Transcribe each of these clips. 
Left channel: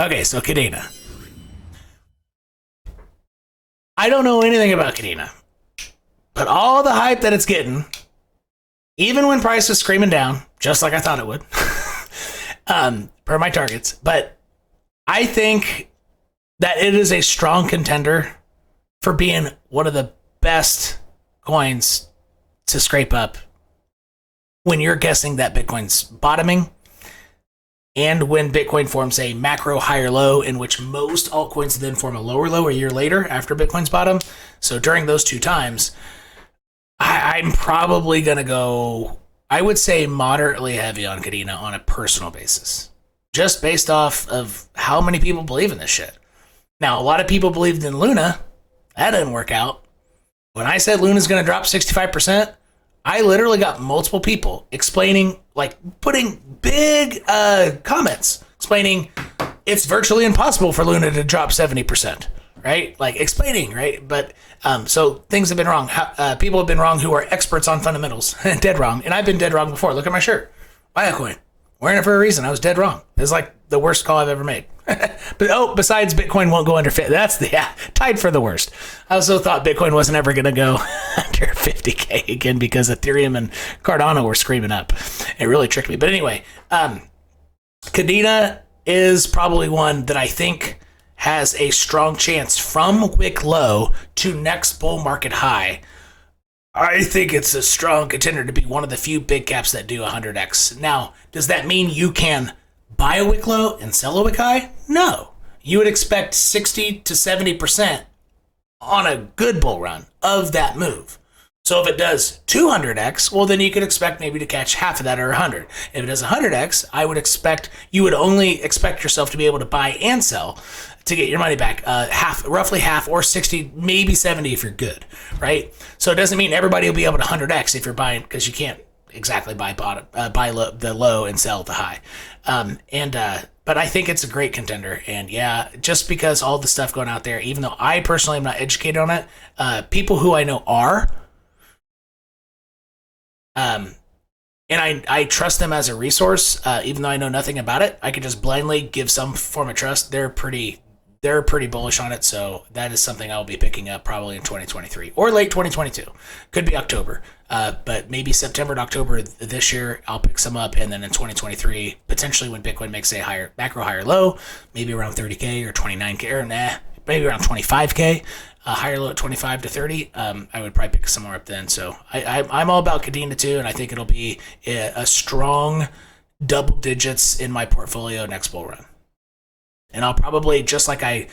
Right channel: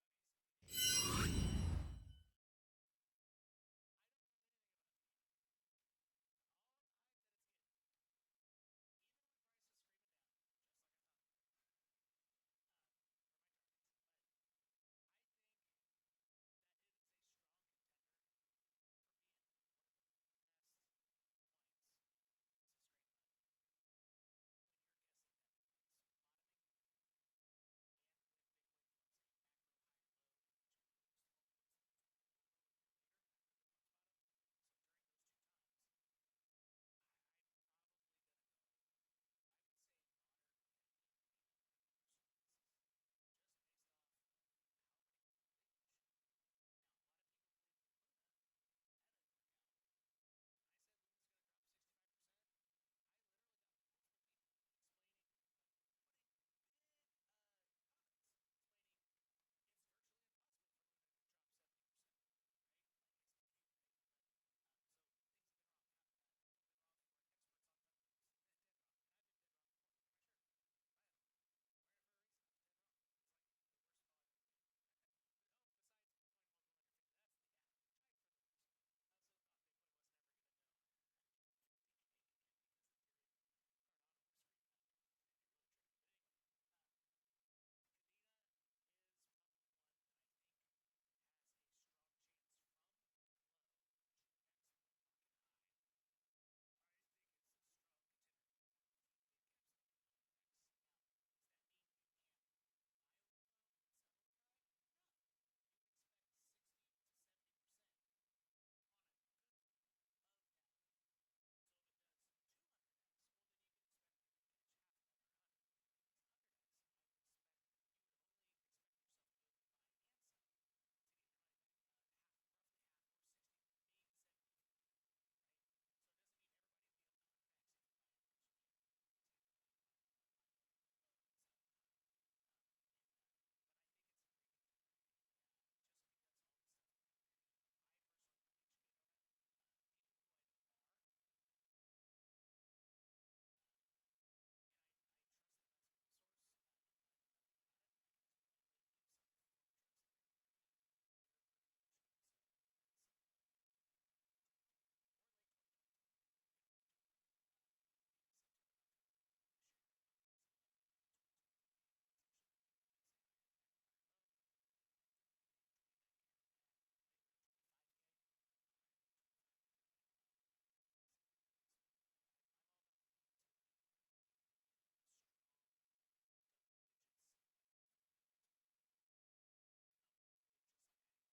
Okay, so Kadena. I don't know anything about Kadena, but all the hype that it's getting, even when price was screaming down, just like I thought it would, per my targets, but I think that it is a strong contender for being one of the best coins to scrape up when you're guessing that Bitcoin's bottoming and when Bitcoin forms a macro higher low, in which most altcoins then form a lower low a year later after Bitcoin's bottom. So during those two times, I'm probably going to go, I would say, moderately heavy on Kadena on a personal basis, just based off of how many people believe in this shit. Now, a lot of people believed in Luna. That didn't work out. When I said Luna's going to drop 65%, I literally got multiple people explaining, like putting big comments explaining it's virtually impossible for Luna to drop 70%, right? Like explaining, right? But so things have been wrong. People have been wrong who are experts on fundamentals, dead wrong. And I've been dead wrong before. Look at my shirt. Buy a coin. Wearing it for a reason. I was dead wrong. It's like the worst call I've ever made. But besides Bitcoin won't go under 50. That's tied for the worst. I also thought Bitcoin wasn't ever going to go under 50K again because Ethereum and Cardano were screaming up. It really tricked me. But anyway, Kadena is probably one that I think has a strong chance from wick low to next bull market high. I think it's a strong contender to be one of the few big caps that do 100x. Now, does that mean you can buy a wick low and sell a wick high? No. You would expect 60 to 70% on a good bull run of that move. So if it does 200x, well, then you could expect maybe to catch half of that or 100. If it does 100x, I would expect you would only expect yourself to be able to buy and sell to get your money back, roughly half, or 60, maybe 70 if you're good, right? So it doesn't mean everybody will be able to 100x if you're buying, because you can't exactly buy the low and sell the high. But I think it's a great contender. And yeah, just because all the stuff going out there, even though I personally am not educated on it, people who I know are, and I trust them as a resource, even though I know nothing about it. I could just blindly give some form of trust. They're pretty bullish on it, so that is something I'll be picking up probably in 2023 or late 2022. Could be October, but maybe September to October this year I'll pick some up, and then in 2023, potentially when Bitcoin makes a higher macro higher low, maybe around 30K or 29K, or maybe around 25K. Higher low at 25 to 30, I would probably pick some more up then. So I'm all about Kadena too, and I think it'll be a strong double digits in my portfolio next bull run. And I'll probably, just like I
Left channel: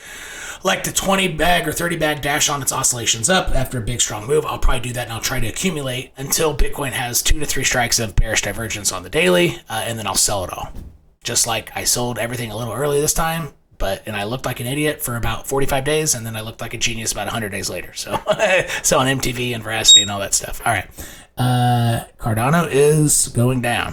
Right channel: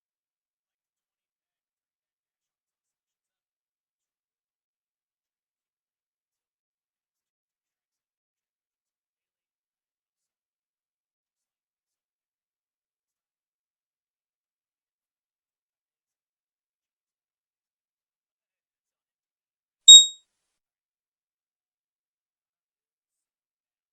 like the 20 bag or 30 bag dash on its oscillations up after a big strong move, I'll probably do that, and I'll try to accumulate until Bitcoin has 2 to 3 strikes of bearish divergence on the daily, and then I'll sell it all. Just like I sold everything a little early this time, and I looked like an idiot for about 45 days, and then I looked like a genius about 100 days later. So, so on MTV and Veracity and all that stuff. All right. Cardano is going down.